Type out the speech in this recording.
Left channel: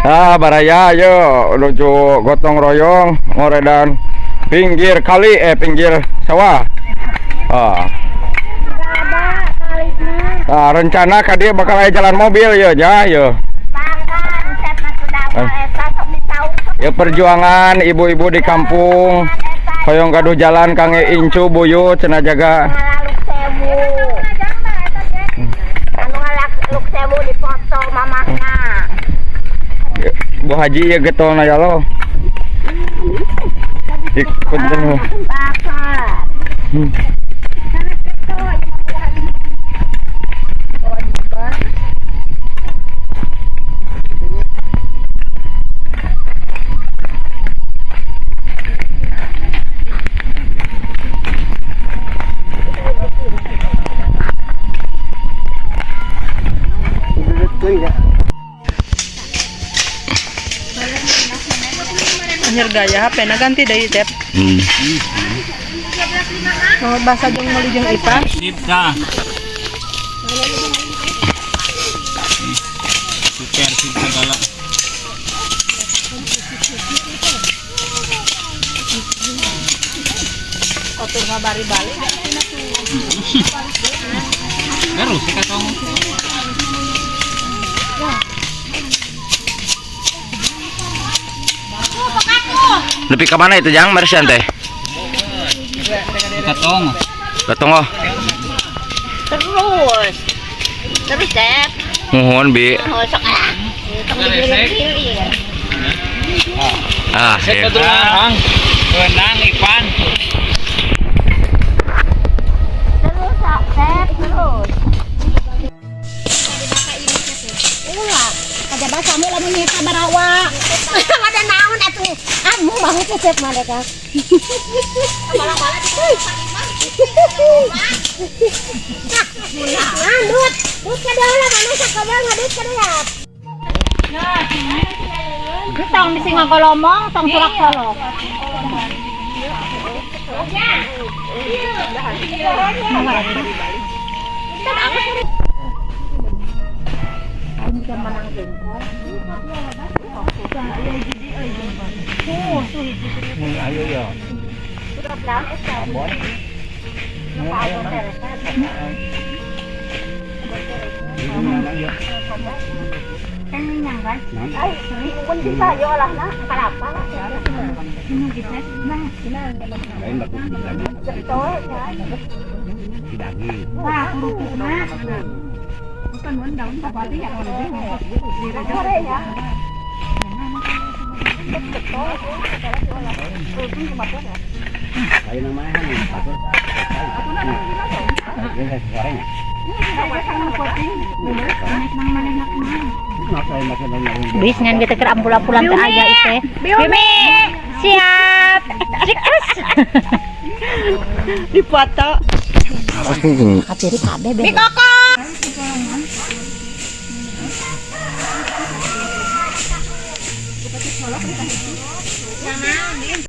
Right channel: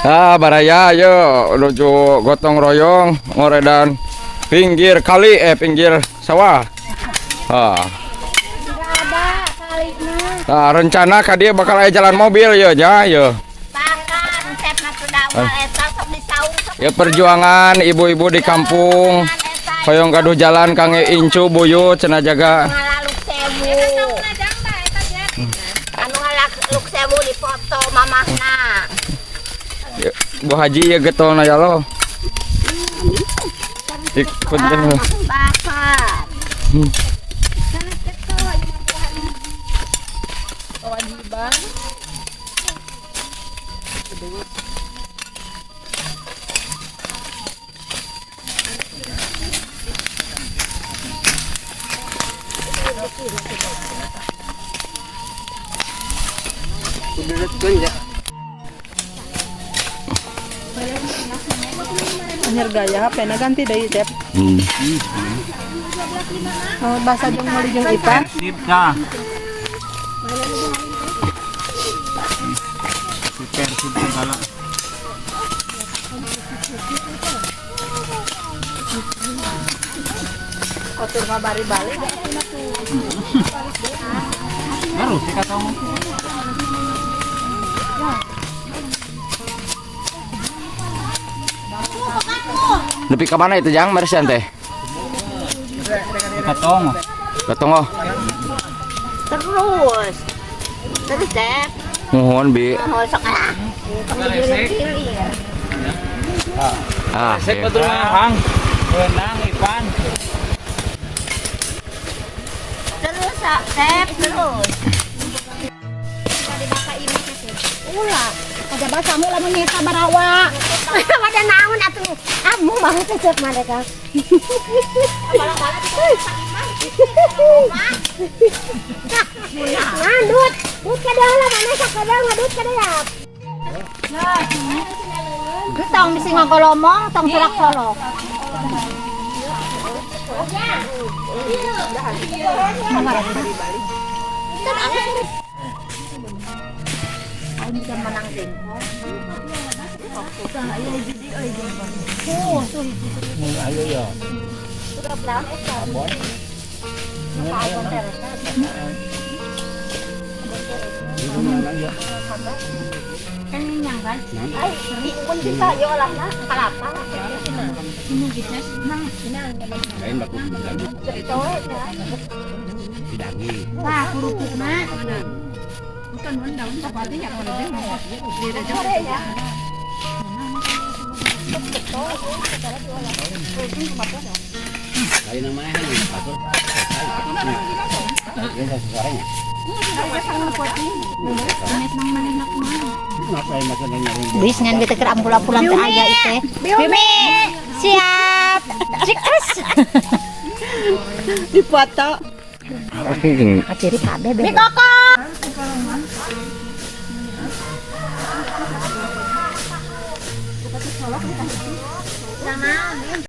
Baraya yuk menuju gotong royong ngoredan pinggir kali pinggir sawah. Ada kalinya. Rencana ka dia bakal aya jalan mobil ya ya. Ya perjuangan ibu-ibu di kampung hoyong gaduh jalan kangge incu buyut cenah jaga. Anu ngaluk sewu di foto mamahna. Bu Haji ya getona ya lo. Ikut dengan Bapak. Anjir gaya HP na ganti dari Cep. Oh, bahasa jeung meuli jeung ikan. Sip dah. Super sip segala. Kotor ngabari balik. Garus sih kata kamu. Lebih ke mana itu Jang Marsian teh? Katong. Katongo. Terus. Terus Dep. Mohon Bi. Oh, sok digiling-giling. Set keturunan. Benang ikan. Terus Dep terus. Ulah, kada basamu lamun nyeta barawa. Ada naon atuh. Amu mah cecep mereka. Ngandut, dut kada lah mana sakada ngadut kada ya. Tong misi ngagolomong, tong surak solok. Ayo ya. Bis ngan gitu ke ampul-ampulan ke aja itu. Bimi, siap. Cikus. Dipoto. Atiri kabeh. Bi kokok.